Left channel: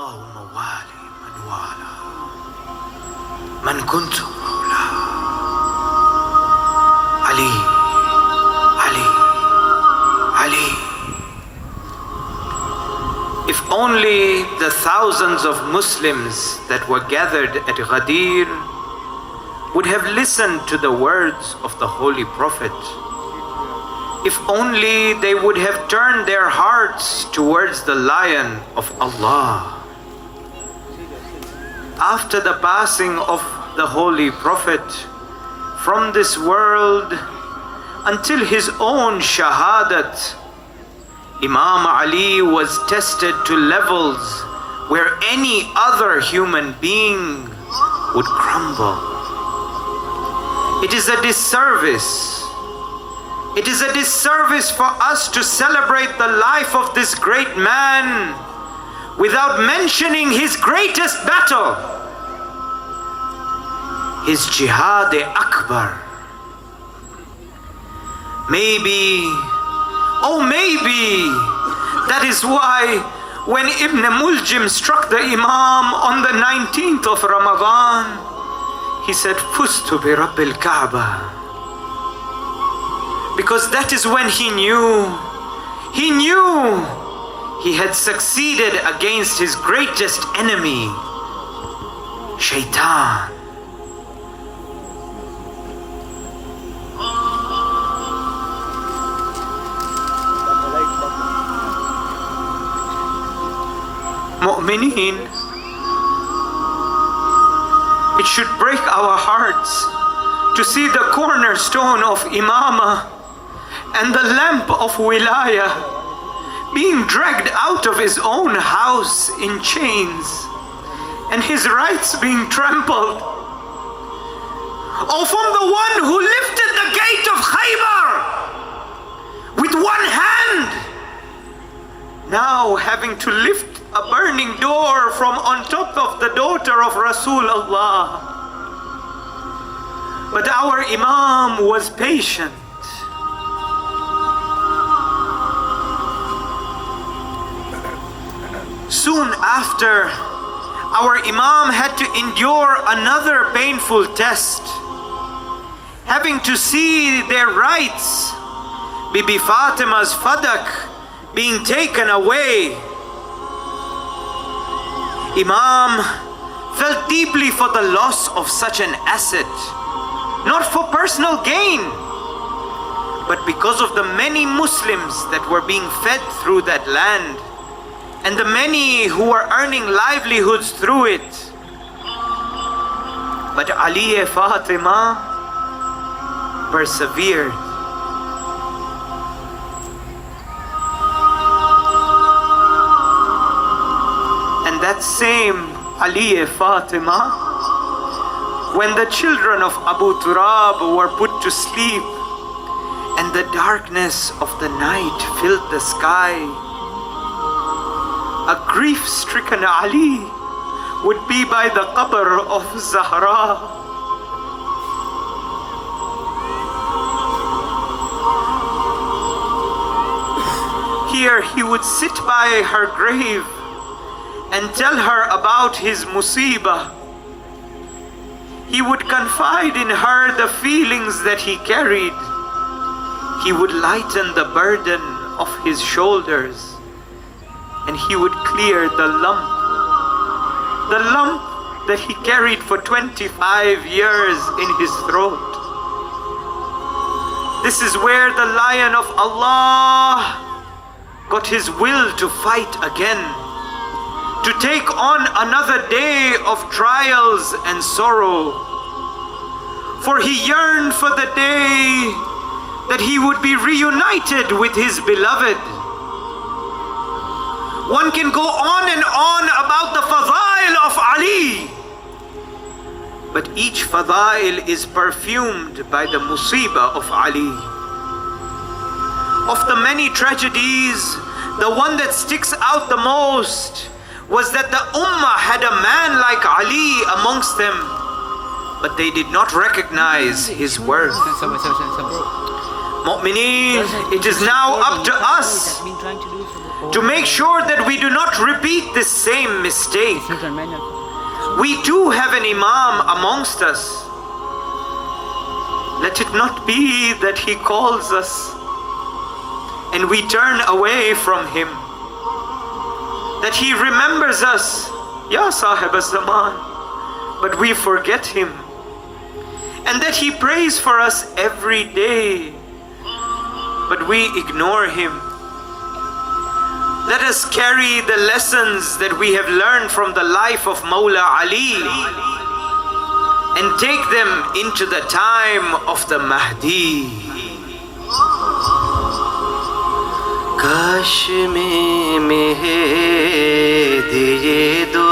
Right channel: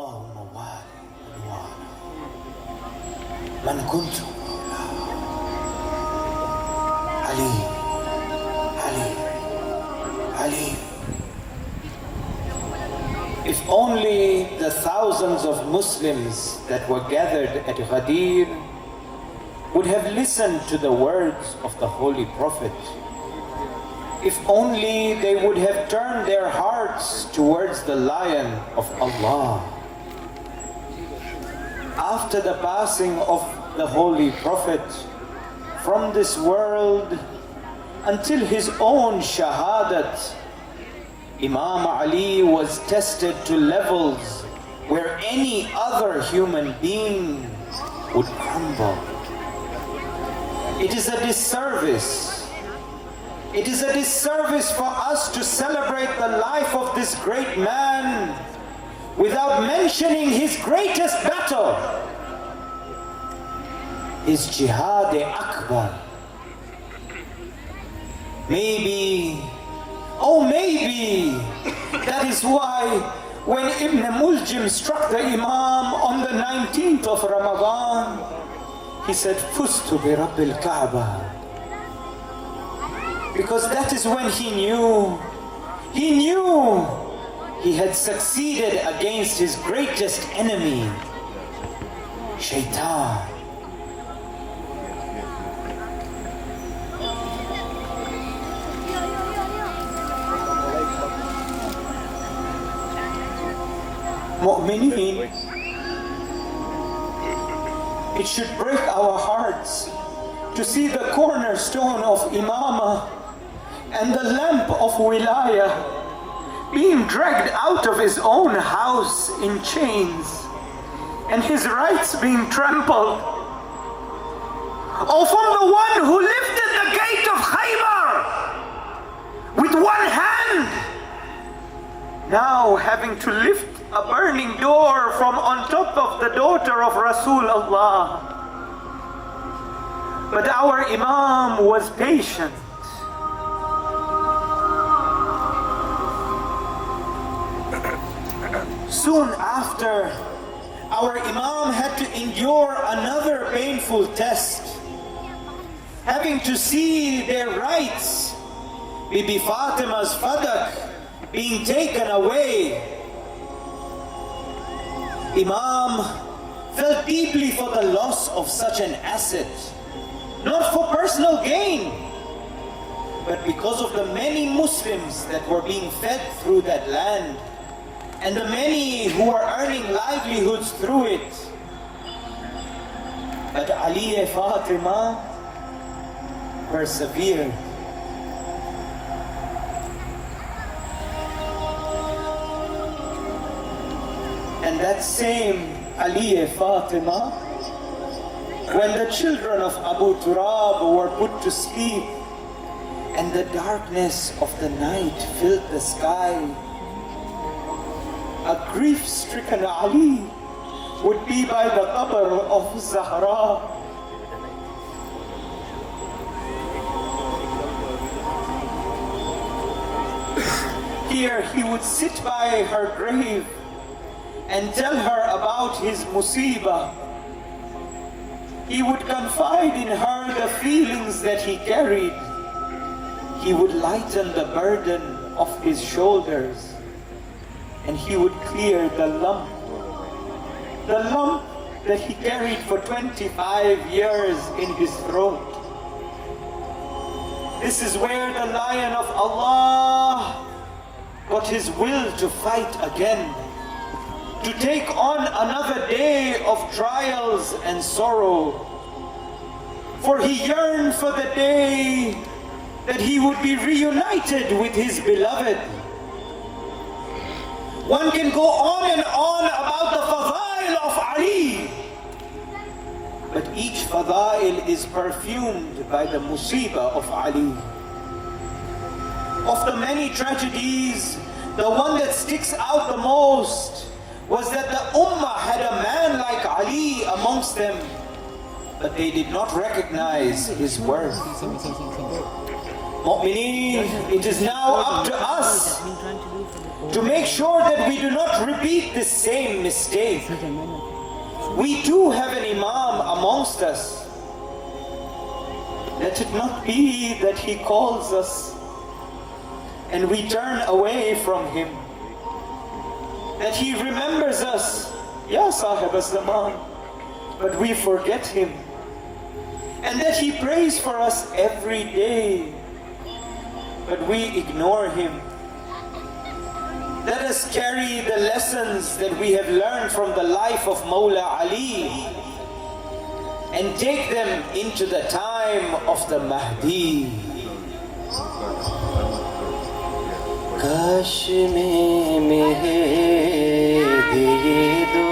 اللهم والي من والى من كنت مولاه علي علي علي. If only the thousands of Muslims that were gathered at Ghadir would have listened to the words of the Holy Prophet, if only they would have turned their hearts towards the Lion of Allah. After the passing of the Holy Prophet from this world until his own shahadat, Imam Ali was tested to levels where any other human being would crumble. It is a disservice. It is a disservice for us to celebrate the life of this great man without mentioning his greatest battle, his Jihad-e-Akbar. Maybe, oh maybe, that is why when Ibn Muljim struck the Imam on the 19th of Ramadan, he said, Fustu bi Rabbil Kaaba. Because that is when he knew he had succeeded against his greatest enemy, Shaitan. Mu'mineen, it should break our hearts to see the cornerstone of Imamah and the lamp of Wilayah being dragged out of his own house in chains and his rights being trampled. Oh, from the one who lifted the gate of Khaybar with one hand, now having to lift a burning door from on top of the daughter of Rasulullah. But our Imam was patient. Soon after, our Imam had to endure another painful test, having to see their rights, Bibi Fatima's fadak, being taken away. Imam felt deeply for the loss of such an asset, not for personal gain, but because of the many Muslims that were being fed through that land and the many who were earning livelihoods through it. But Ali and Fatima persevered. And that same Ali and Fatima, when the children of Abu Turab were put to sleep and the darkness of the night filled the sky, a grief-stricken Ali would be by the qabr of Zahra. Here he would sit by her grave and tell her about his musibah. He would confide in her the feelings that he carried. He would lighten the burden of his shoulders, and he would clear the lump that he carried for 25 years in his throat. This is where the Lion of Allah got his will to fight again, to take on another day of trials and sorrow. For he yearned for the day that he would be reunited with his beloved. One can go on and on about the fadail of Ali, but each fadail is perfumed by the musibah of Ali. Of the many tragedies, the one that sticks out the most was that the Ummah had a man like Ali amongst them, but they did not recognize his worth. Mu'mineen, it is now up to us to make sure that we do not repeat this same mistake. We too have an Imam amongst us. Let it not be that he calls us and we turn away from him. That he remembers us, Ya Sahib al-Zaman, but we forget him. And that he prays for us every day, but we ignore him. Let us carry the lessons that we have learned from the life of Mawla Ali and take them into the time of the Mahdi. Kash mein mehdi do